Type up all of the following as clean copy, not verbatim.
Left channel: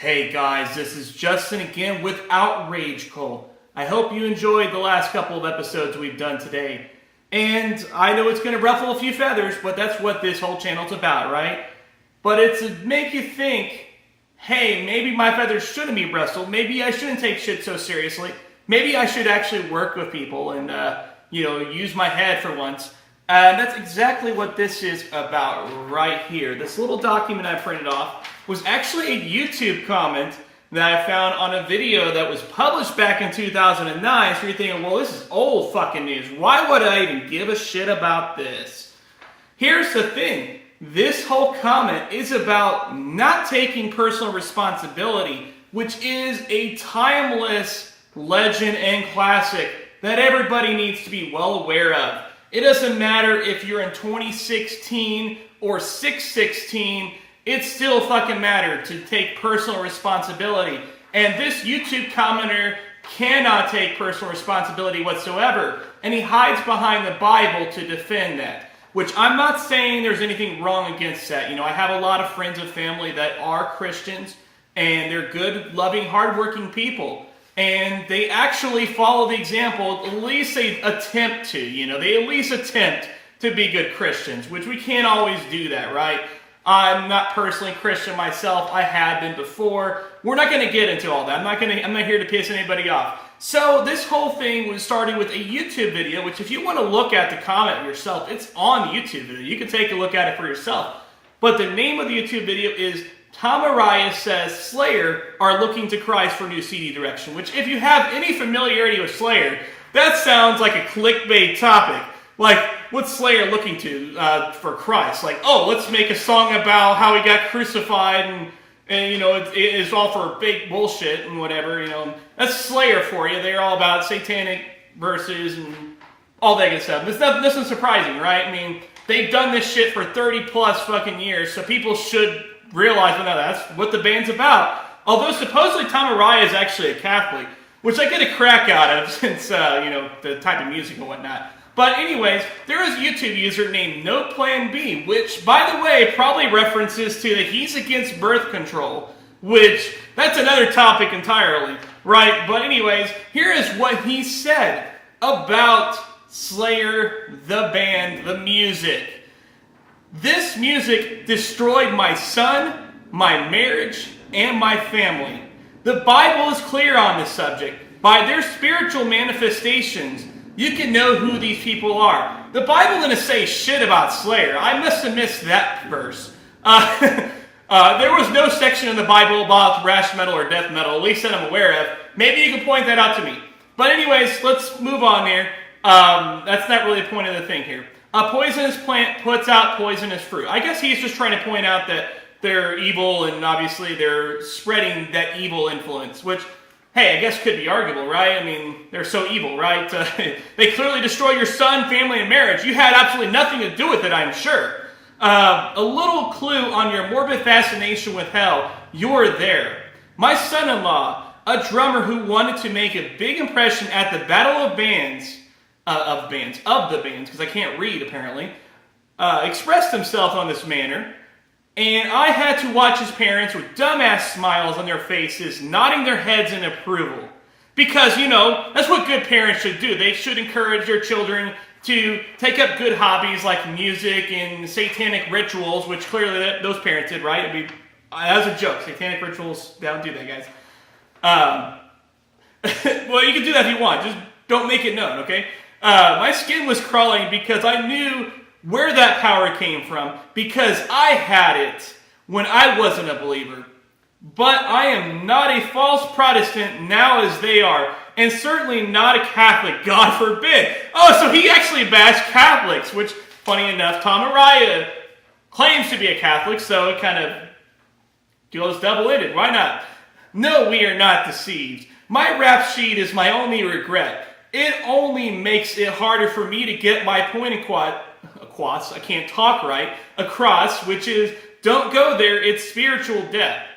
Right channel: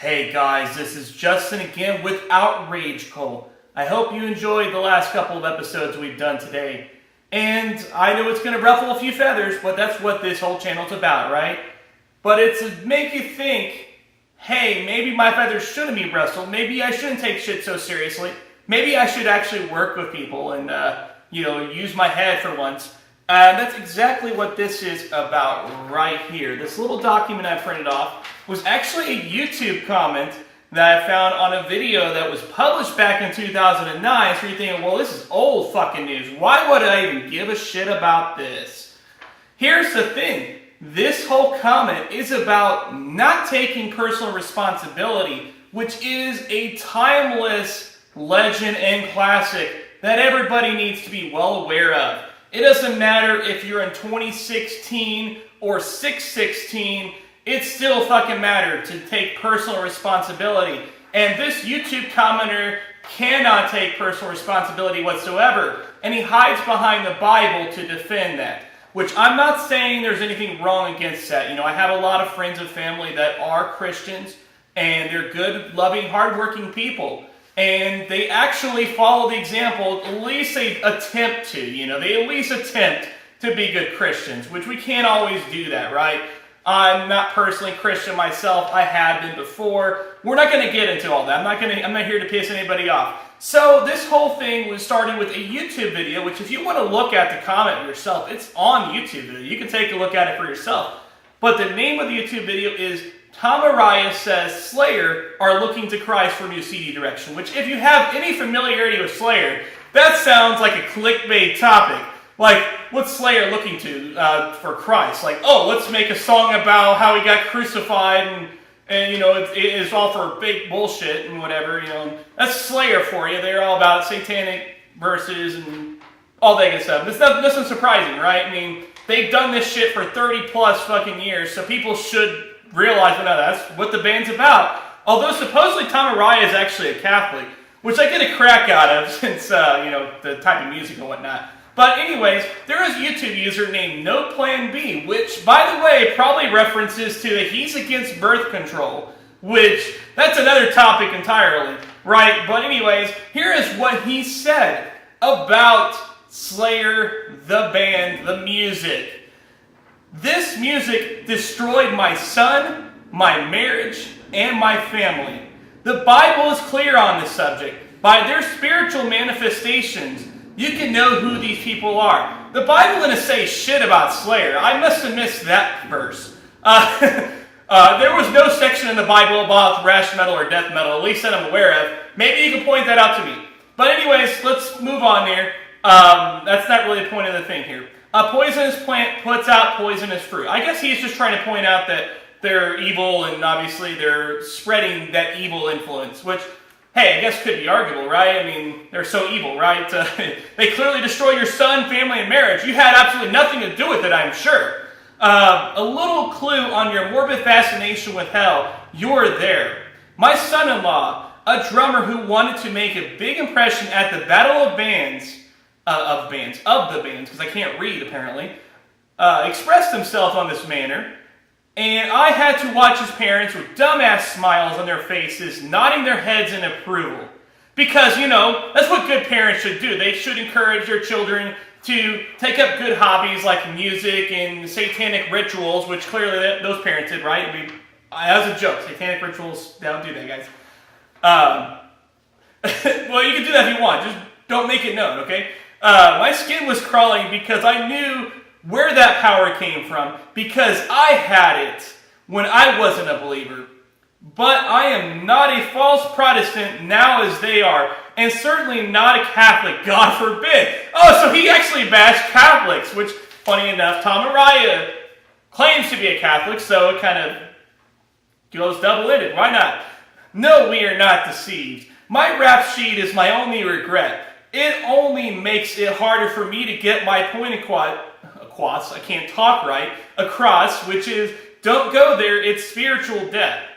Hey guys, this is Justin again with Outrage. I hope you enjoyed the last couple of episodes we've done today. And I know it's going to ruffle a few feathers, but that's what this whole channel's about, right? But it's to make you think, hey, maybe my feathers shouldn't be rustled. Maybe I shouldn't take shit so seriously. Maybe I should actually work with people and, use my head for once. That's exactly what this is about right here. This little document I printed off was actually a YouTube comment that I found on a video that was published back in 2009. So you're thinking, well, this is old fucking news. Why would I even give a shit about this? Here's the thing. This whole comment is about not taking personal responsibility, which is a timeless legend and classic that everybody needs to be well aware of. It doesn't matter if you're in 2016 or 616, it still fucking matters to take personal responsibility. And this YouTube commenter cannot take personal responsibility whatsoever. And he hides behind the Bible to defend that. Which I'm not saying there's anything wrong against that. You know, I have a lot of friends and family that are Christians, and they're good, loving, hardworking people. And they actually follow the example, at least they attempt to, they at least attempt to be good Christians, which we can't always do that, right? I'm not personally Christian myself. I have been before. We're not going to get into all that. I'm not here to piss anybody off. So this whole thing was started with a YouTube video, which if you want to look at the comment yourself, it's on the YouTube video. You can take a look at it for yourself. But the name of the YouTube video is Tom Araya Says Slayer Are Looking to Christ for New CD Direction, which if you have any familiarity with Slayer, that sounds like a clickbait topic. Like, what's Slayer looking to for Christ? Like, oh, let's make a song about how he got crucified and it's all for fake bullshit and whatever, That's Slayer for you. They're all about satanic verses and all that good stuff. It's nothing surprising, right? I mean, they've done this shit for 30 plus fucking years, so people should realize, well, no, that's what the band's about. Although supposedly Tom Araya is actually a Catholic, which I get a crack out of since, the type of music and whatnot. But anyways, there is a YouTube user named No Plan B, which, by the way, probably references to that he's against birth control, which, that's another topic entirely, right? But anyways, here is what he said about Slayer, the band, the music. This music destroyed my son, my marriage, and my family. The Bible is clear on this subject. By their spiritual manifestations, you can know who these people are. The Bible didn't say shit about Slayer. I must have missed that verse. There was no section in the Bible about thrash metal or death metal, at least that I'm aware of. Maybe you can point that out to me. But anyways, let's move on here. That's not really the point of the thing here. A poisonous plant puts out poisonous fruit. I guess he's just trying to point out that they're evil and obviously they're spreading that evil influence, which, hey, I guess could be arguable, right? I mean, they're so evil, right? They clearly destroyed your son, family, and marriage. You had absolutely nothing to do with it, I'm sure. A little clue on your morbid fascination with hell, you're there. My son-in-law, a drummer who wanted to make a big impression at the Battle of the bands, because I can't read apparently, expressed himself on this manner, and I had to watch his parents with dumbass smiles on their faces, nodding their heads in approval. Because, that's what good parents should do. They should encourage their children to take up good hobbies like music and satanic rituals, which clearly those parents did, right? I mean, as a joke, satanic rituals, don't do that, guys. Well, you can do that if you want, just don't make it known, okay? My skin was crawling because I knew where that power came from, because I had it when I wasn't a believer. But I am not a false Protestant now as they are, and certainly not a Catholic, God forbid. Oh, so he actually bashed Catholics, which, funny enough, Tom Araya claims to be a Catholic, so it kind of goes double-ended. Why not? No, we are not deceived. My rap sheet is my only regret. It only makes it harder for me to get my point across, I can't talk right, across, which is, don't go there, it's spiritual death.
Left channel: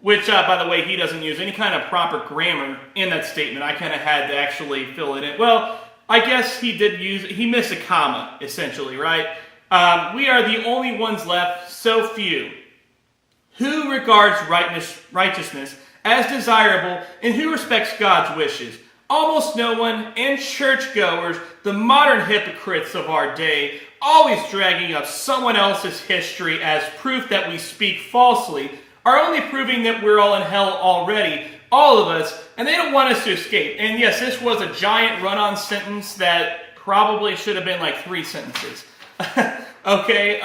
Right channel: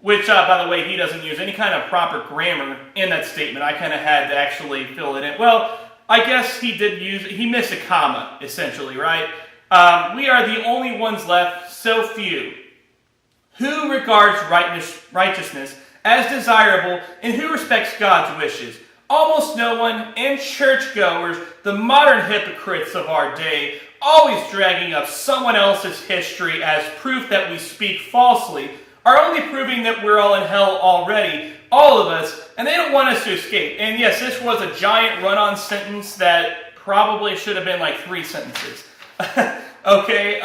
Which, by the way, he doesn't use any kind of proper grammar in that statement. I kind of had to actually fill it in. Well, I guess he missed a comma, essentially, right? We are the only ones left, so few. who regards righteousness as desirable and who respects God's wishes. Almost no one, and churchgoers, the modern hypocrites of our day, always dragging up someone else's history as proof that we speak falsely, are only proving that we're all in hell already, all of us, and they don't want us to escape. And yes, this was a giant run-on sentence that probably should have been like 3 sentences. Okay,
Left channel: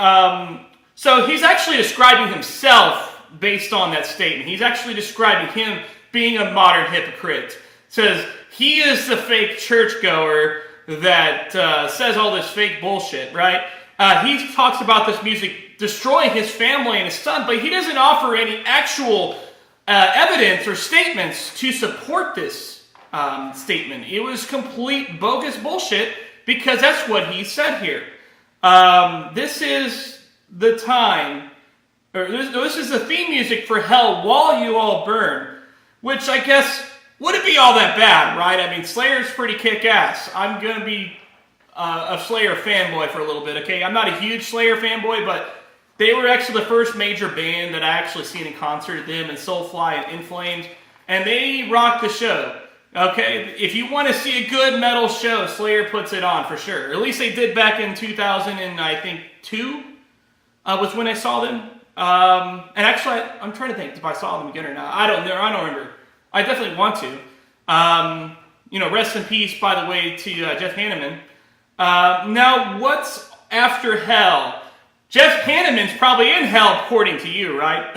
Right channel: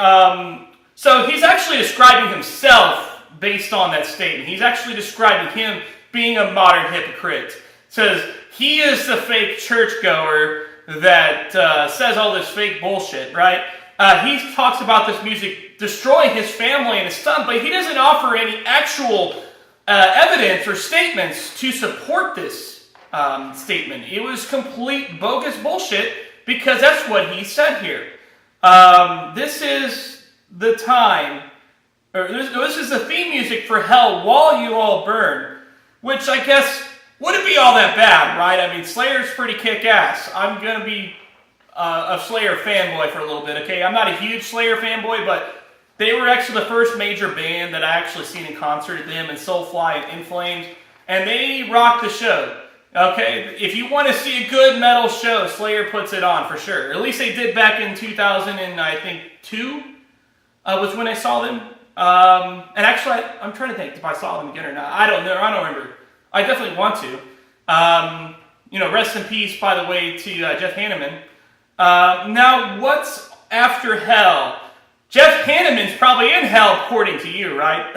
so he's actually describing himself based on that statement. He's actually describing him being a modern hypocrite. Says he is the fake churchgoer that says all this fake bullshit, right? He talks about this music destroying his family and his son, but he doesn't offer any actual evidence or statements to support this statement. It was complete bogus bullshit because that's what he said here. This is the time, or this is the theme music for hell while you all burn, which I guess wouldn't be all that bad, right? I mean, Slayer's pretty kick-ass. I'm going to be a Slayer fanboy for a little bit, okay? I'm not a huge Slayer fanboy, but they were actually the first major band that I actually seen in concert, them and Soulfly and In Flames, and they rocked the show, okay? If you want to see a good metal show, Slayer puts it on for sure. At least they did back in 2002 was when I saw them. And actually, I'm trying to think if I saw them again or not. I don't know. I don't remember. I definitely want to. Rest in peace, by the way, to Jeff Hanneman. Now, what's after hell? Jeff Hanneman's probably in hell, according to you, right?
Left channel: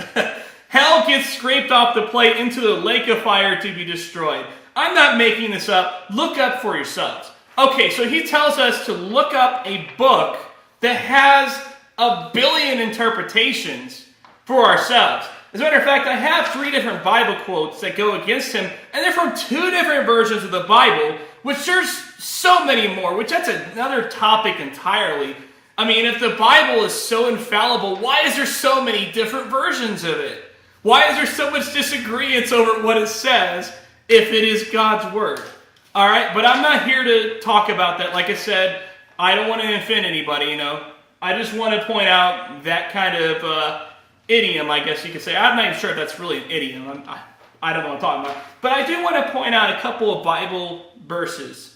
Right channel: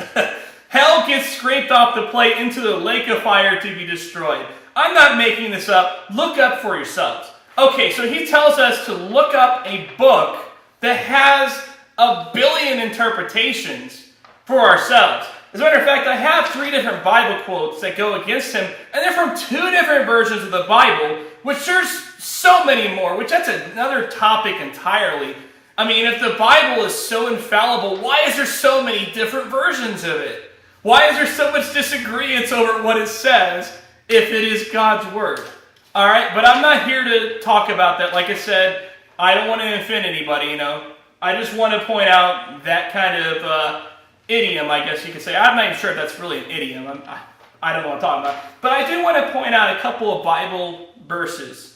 Hell gets scraped off the plate into the lake of fire to be destroyed. I'm not making this up. Look up for yourselves. Okay, so he tells us to look up a book that has 1 billion interpretations for ourselves. As a matter of fact, I have 3 different Bible quotes that go against him, and they're from 2 different versions of the Bible, which there's so many more, which that's another topic entirely. I mean, if the Bible is so infallible, why is there so many different versions of it? Why is there so much disagreement over what it says if it is God's Word? All right, but I'm not here to talk about that. Like I said, I don't want to offend anybody, I just want to point out that kind of idiom, I guess you could say. I'm not even sure if that's really an idiom. I don't know what I'm talking about. But I do want to point out a couple of Bible verses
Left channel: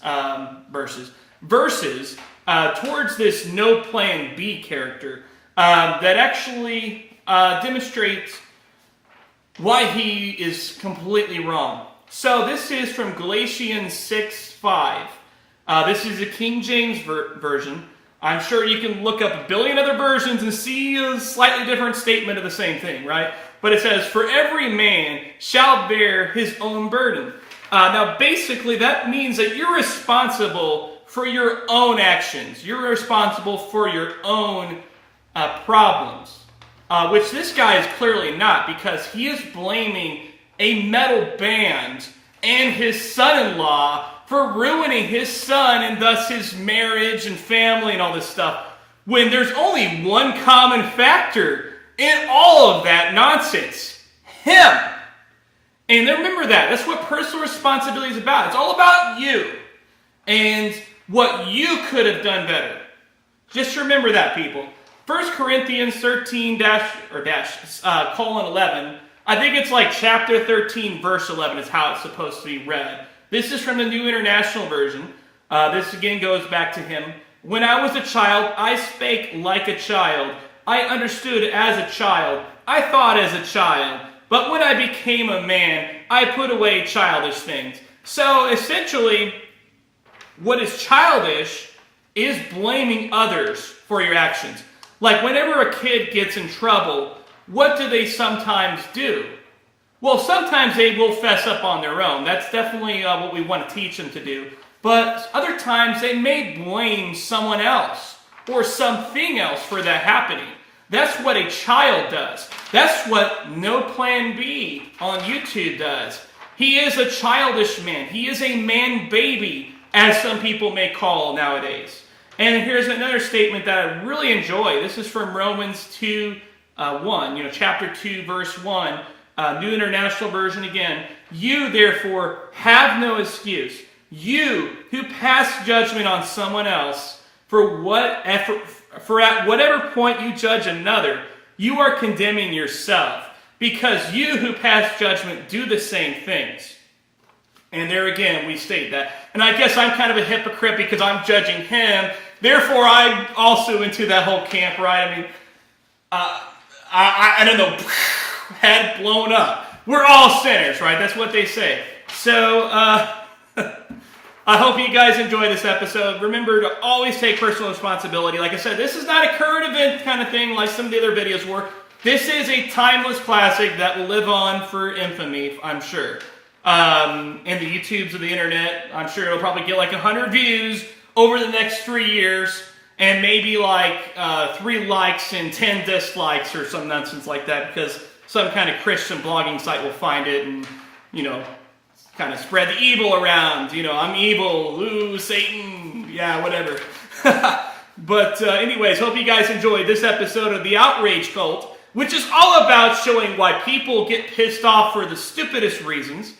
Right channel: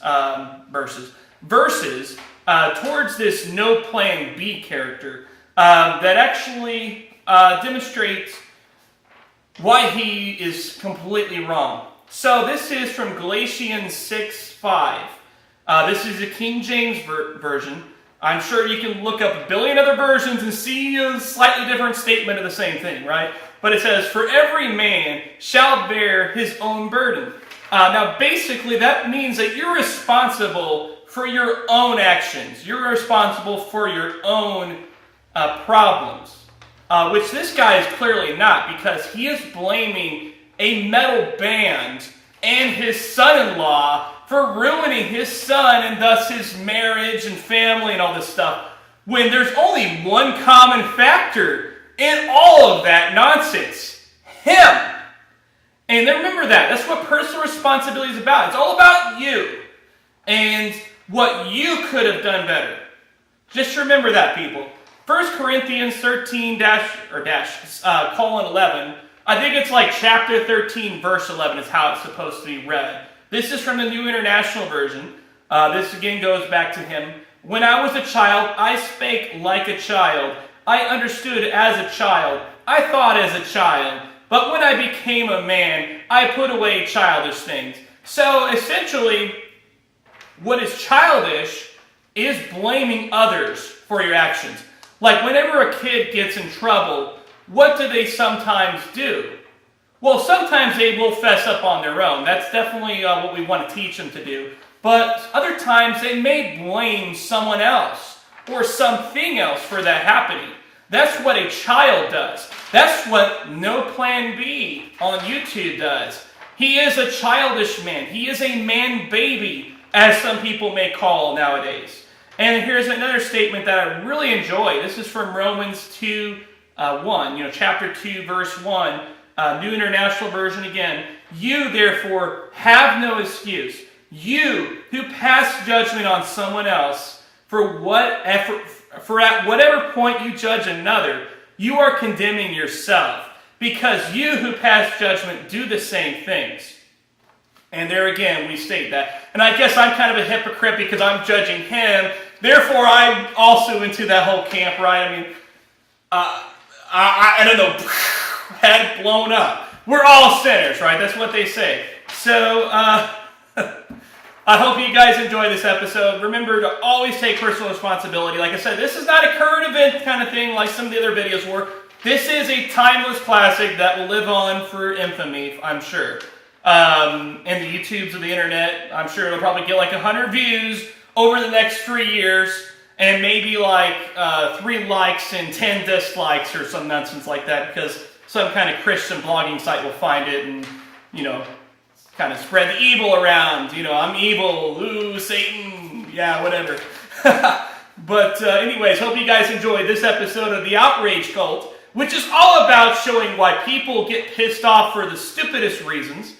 towards this no plan B character that actually demonstrates why he is completely wrong. So this is from Galatians 6:5. This is a King James version. I'm sure you can look up 1 billion other versions and see a slightly different statement of the same thing, right? But it says, "For every man shall bear his own burden." Now, basically, that means that you're responsible for your own actions. You're responsible for your own problems, which this guy is clearly not, because he is blaming a metal band and his son-in-law for ruining his son and thus his marriage and family and all this stuff, when there's only one common factor in all of that nonsense: him. And remember that. That's what personal responsibility is about. It's all about you and what you could have done better. Just remember that, people. 1 Corinthians 13-11. I think it's like chapter 13, verse 11 is how it's supposed to be read. This is from the New International Version. This again goes back to him. "When I was a child, I spake like a child. I understood as a child. I thought as a child. But when I became a man, I put away childish things." So essentially, what is childish is blaming others for your actions. Like whenever a kid gets in trouble, what do they sometimes do? Well, sometimes they will fess up on their own. That's definitely what we want to teach them to do. But other times they may blame someone else or something else for that happening. That's what a child does. That's what No Plan B on YouTube does. He is a childish man. He is a man baby, as some people may call nowadays. And here's another statement that I really enjoy. This is from Romans 2:1, chapter 2, verse 1, New International Version again. "You, therefore, have no excuse. You who pass judgment on someone else, for at whatever point you judge another, you are condemning yourself. because you who pass judgment do the same things. And there again, we state that. And I guess I'm kind of a hypocrite because I'm judging him. Therefore, I'm also into that whole camp, right? I mean, I don't know, head blown up. We're all sinners, right? That's what they say. So, I hope you guys enjoy this episode. Remember to always take personal responsibility. Like I said, this is not a current event kind of thing like some of the other videos were. This is a timeless classic that will live on for infamy, I'm sure. In the YouTubes of the internet, I'm sure it'll probably get like 100 views over the next 3 years, and maybe like 3 likes and 10 dislikes or some nonsense like that, because some kind of Christian blogging site will find it and, you know, kind of spread the evil around. You know, I'm evil, ooh, Satan, yeah, whatever. But anyways, hope you guys enjoyed this episode of the Outrage Cult, which is all about showing why people get pissed off for the stupidest reasons.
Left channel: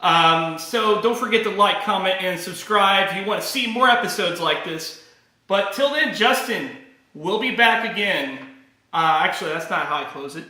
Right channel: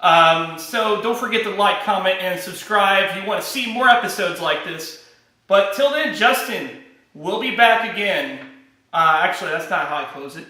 So don't forget to like, comment, and subscribe if you want to see more episodes like this. But till then, Justin, we'll be back again. Actually, that's not how I close it.